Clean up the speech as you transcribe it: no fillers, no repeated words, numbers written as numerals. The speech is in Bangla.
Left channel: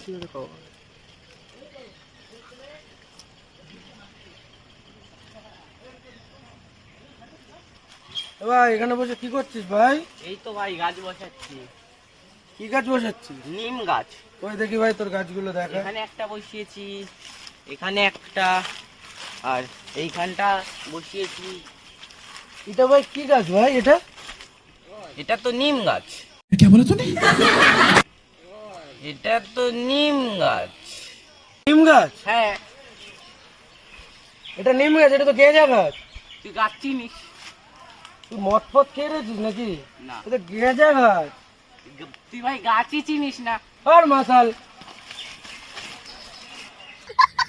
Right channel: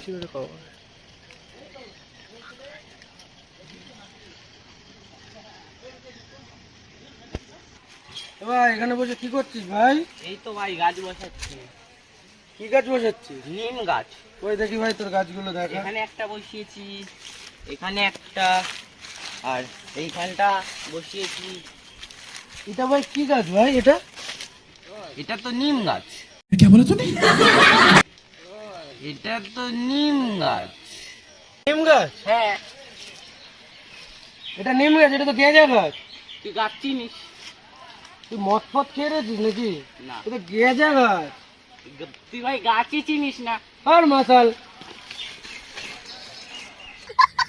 বেশি করে খাওয়া। ভাই এখানে বসে কি করছিস ভাই? এই তো ভাই গাছ বসাচ্ছি। কি গাছ বসাচ্ছিস? নিম গাছ। ওই দেখি ভাই তোর গাছগুলো দেখা। এখানে একটা বসিয়েছি, এখানে একটা, আর এইখানটা বসিয়েছি। এটা ভাই কি গাছ ভাই এটা? এটা তো নিম গাছ। কে বলে তুমি? এটা তো নিম গাছ। নিম গাছ? হ্যাঁ। এটা নিম গাছ, এটা তো গেঁজা গাছ। তুই গাছ চিনিস? তুই মদ ফদ খেয়ে রেছিস নাকি? না। এটা গেঁজা গাছ। তুই ভাই গাছই চিনিস না। আর মাসাল